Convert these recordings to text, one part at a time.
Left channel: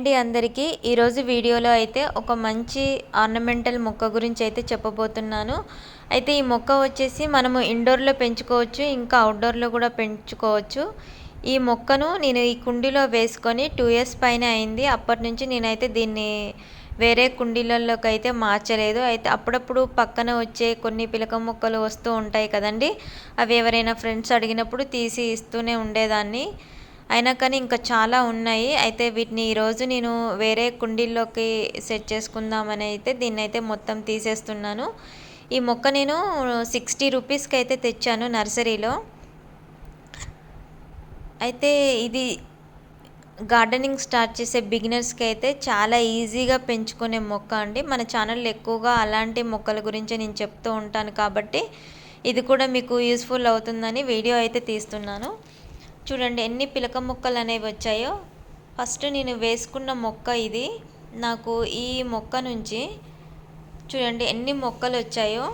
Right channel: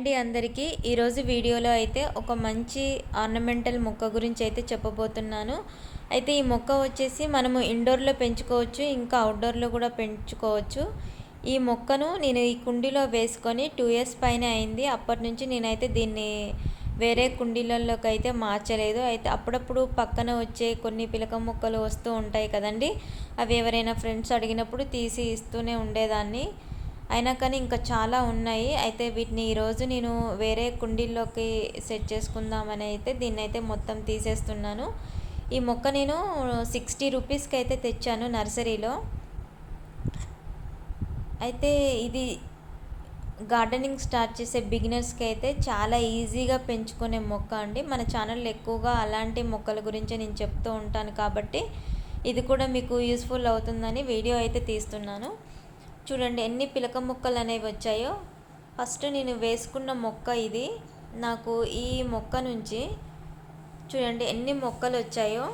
అండి అందరికీ. ఈరోజు వీడియోలో అయితే ఒక మంచి ఆర్నమెంటల్ మొక్క గురించి అయితే చెప్పబోతున్నాను. అయితే ఈ మొక్క వచ్చేసి మనము ఇండోర్లో పెంచుకోవచ్చు, ఇంకా అవుట్డోర్లో కూడా పెంచుకోవచ్చు. ఈ మొక్కను నేను ఈ కుండీలో వేసుకొని 2 ఇయర్స్ పైన అయింది. అప్పటి నుంచి నేనైతే దీన్ని వేరే కుండీలలోకి అయితే మార్చలేదు. అయితే అప్పుడప్పుడు పక్కన వచ్చే కొన్ని పిలక మొక్కలు వస్తూ ఉంటాయి కదండి, అవి ఎవరైనా ఫ్రెండ్స్ అడిగినప్పుడు తీసి ఇస్తూనే ఉండేదాన్ని. అయినా కానీ ఇంకా చాలా ఉన్నాయి. అయితే వీటిని ఈరోజు నేను వేరే కుండీల్లోకి సెట్ చేసుకుందామని అయితే దీన్నైతే మొత్తం తీసేస్తున్నాను. ఈ మొక్క నేను 60 రూపీస్కి అయితే తెచ్చాను నర్సరీలో. అయితే ఇది గార్డెనింగ్ స్టార్ట్ చేసే బిగినర్స్కి అయితే చాలా ఈజీగా పెంచుకునే మొక్క అండి. మన ఛానల్లో ఎక్కువగా అలాంటి మొక్కల గురించి నేను చెప్తూ ఉంటాను కాబట్టి ఇది కూడా మీకు యూస్ఫుల్ అవుతుందని వీడియో అయితే తీస్తున్నాను. చూడండి ఎన్ని పిలక మొక్కలు అనేవి వచ్చాయో. ఫస్ట్ నేను వేసుకున్న మొక్క ఇది. నాకు ఈ మొక్క నుంచి చూడండి ఎన్ని మొక్కలు వచ్చాయో.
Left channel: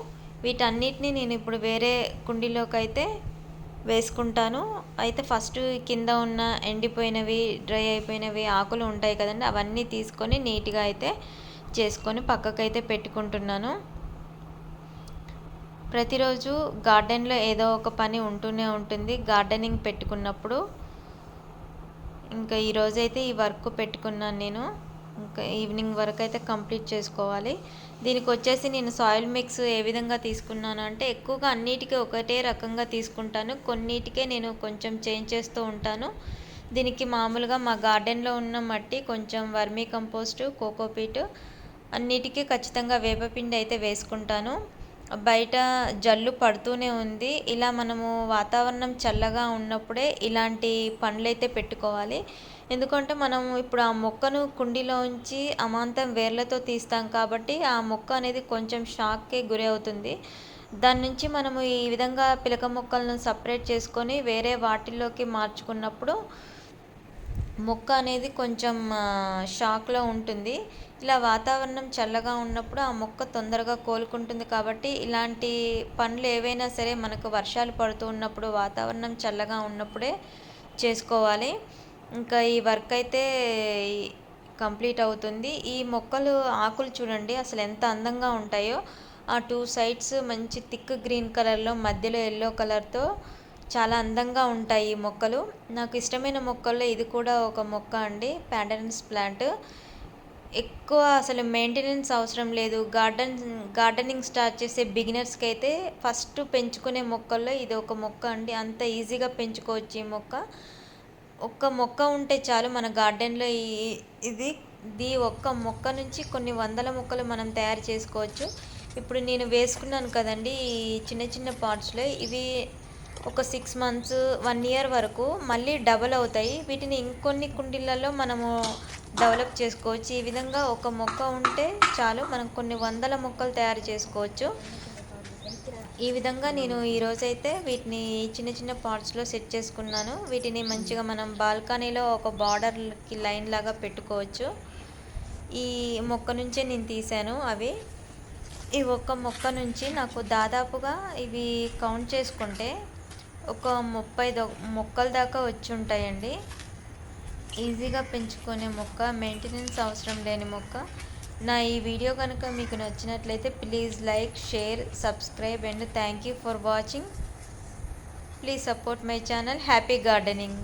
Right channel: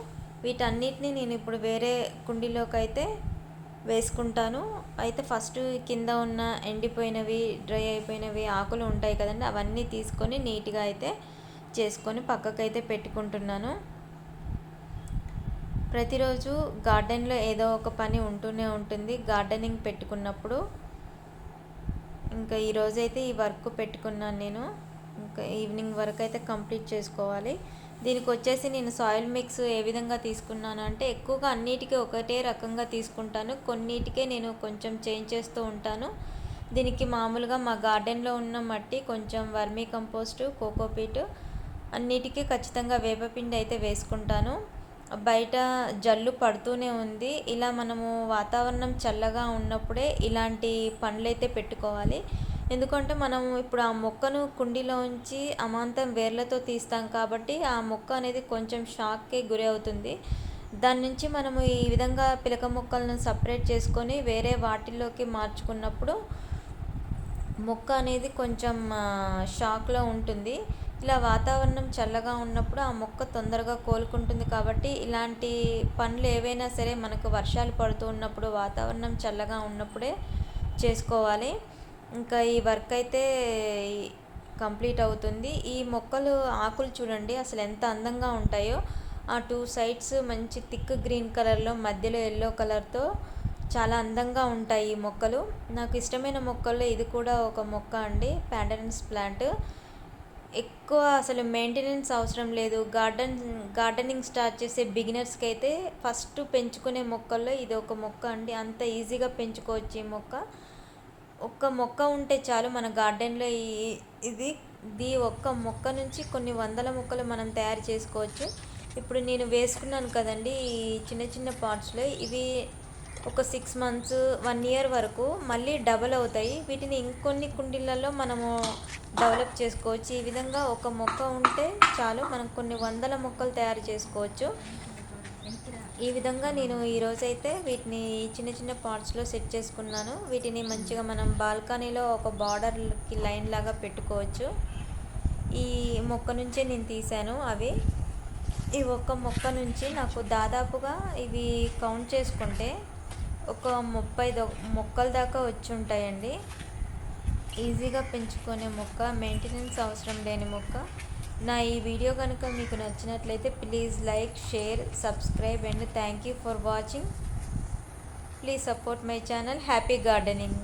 వీటన్నిటిని నేను ఇప్పుడు వేరే కుండీలోకి అయితే వేసుకుంటాను. అయితే ఫస్ట్ కింద ఉన్న ఎండిపోయినవి, డ్రై అయిపోయినవి ఆకులు ఉంటాయి కదండి, అవన్నీ తీసుకొని నీట్గా అయితే చేసుకొని పక్కకైతే పెట్టుకుంటున్నాను. ప్రతిరోజు గార్డెన్లో ఏదో ఒక పని ఉంటూనే ఉంటుంది గార్డెనింగ్ పెట్టుకున్నప్పుడు. ఇంకా ఈరోజైతే ఈ వర్క్ పెట్టుకున్నాను నేను. ఇంకా ఈవినింగ్ వరకు అయితే కంప్లీట్ చేసుకోవాలి. దీనికి వచ్చేసి నేను సాయిల్ మిక్స్ ఏ విధంగా తీసుకున్నాను అంటే, ఎక్కువగా అన్నిటికీ ఒకటే రకంగా తీసుకుంటాను, కొన్నిటికే నేను కొంచెం చేంజ్ చేస్తూ ఉంటాను. దీనికి మామూలుగా మా గార్డెన్లో ఉన్న మట్టి, కొంచెం వర్మీ కంపోస్ట్, కోకోపీట్, అన్నిటికీ ఖచ్చితంగా వేపపిండి అయితే వేసుకుంటాను. బయట జల్లు పడుతూనే ఉంది. ఇలా మనము వాతావరణం చల్లగా ఉన్నప్పుడే ఇలాంటి పండ్లైతే పెట్టుకోవాలి. ఎందుకంటే మనం ఇప్పుడు ఆ మొక్కను కుండీలో ఉంచి అమాంతం వేర్లతో తీస్తాం కాబట్టి ఆ మొక్క అనేది కొంచెం షాక్కి గురి అవుతుంది. దాని నుంచి మనము ఈ విధంగా పిలక మొక్కలను సపరేట్ చేసుకొని వేరే వాటిల్లోకి మార్చుకున్నప్పుడు మొక్క అనేది కొంచెం షాక్లో ఉంటుంది. ఇలా వాతావరణం చల్లగా ఉన్నప్పుడు ఆ మొక్క తొందరగా కోలుకుంటుంది కాబట్టి ఇలాంటి పండ్లు ఏవైనా సరే మనకు వర్షాలు పడుతూ ఉన్నప్పుడు, వాతావరణం చల్లగా ఉన్నప్పుడే చేసుకోవాలి. ఇంకా ఈ వర్క్ అయితే కంప్లీట్ అవుతుంది. ఈ మొక్కలు ఆకులు చూడండి అసలు ఎంత అందంగా ఉంటాయో. ఆ 2 సైడ్స్ మంచి థిక్ గ్రీన్ కలర్లో, మధ్యలో ఎల్లో కలర్తో చాలా అందంగా ఉంటాయి ఈ మొక్కలు. నాకు ఇష్టమైన మొక్కల్లో ఇది కూడా ఒక మొక్క అండి, ప్యాండరన్స్ ప్లాంట్. ఎక్కువ అసలు మెయింటెనెన్స్ అవసరం లేదు. గార్డెనింగ్ స్టార్ట్ చేసే బిగినర్స్కి అయితే ఫస్ట్ పెంచుకునే మొక్కల్లో ఇది ఒక మొక్క అండి. అంత ఈజీగా పెంచుకోవచ్చు ఈ మొక్క. ఒక్క మొక్క ఉంటే చాలు మన గార్డెన్లో. ఇది ఒక్క మొక్క నుంచి కొన్ని వందల మొక్కలు మనం తయారు చేసుకోవచ్చు. ఇప్పుడు నేను వేసుకున్నాను కదండి ఈ చిన్న చిన్న పాట్స్లో, ఇవి ఒక 6 మంత్స్ 1 ఇయర్ వరకు మళ్ళీ డబల్ అవుతాయి. వీటిని ఇంకొన్ని కుండీలలో మనము డెవలప్ చేసుకోవచ్చు. ఈ విధంగా ఒక మొక్క ఉంటే చాలు మనం కొన్ని వందల మొక్కలు తయారు చేసుకోవచ్చు. ఈ విధంగా నేను ఈరోజైతే వీటిని చిన్న చిన్న పాట్స్లో సెట్ చేసుకున్నాను. వీటిని మంచిగా మనం బాల్కనీలో ఒక బార్డర్కి లైన్ లాగా పెట్టుకోవచ్చు. ఈ మొక్క నుంచే నేను తీసాను అవి. ఈ ఒక్క మొక్క నుంచి నాకు దాదాపుగా ఇవి కౌంట్ చేసుకుంటే ఒక 30 మొక్కల దాకా వచ్చి ఉంటాయండి. ఈజీగా పెంచుకునే మొక్క, మెయింటెనెన్స్ అవసరం లేని మొక్క. నా ఈ వీడియో కనుక మీకు నచ్చినట్లయితే please like, share, subscribe and thank you for watching. Please support my channel. Happy gardening.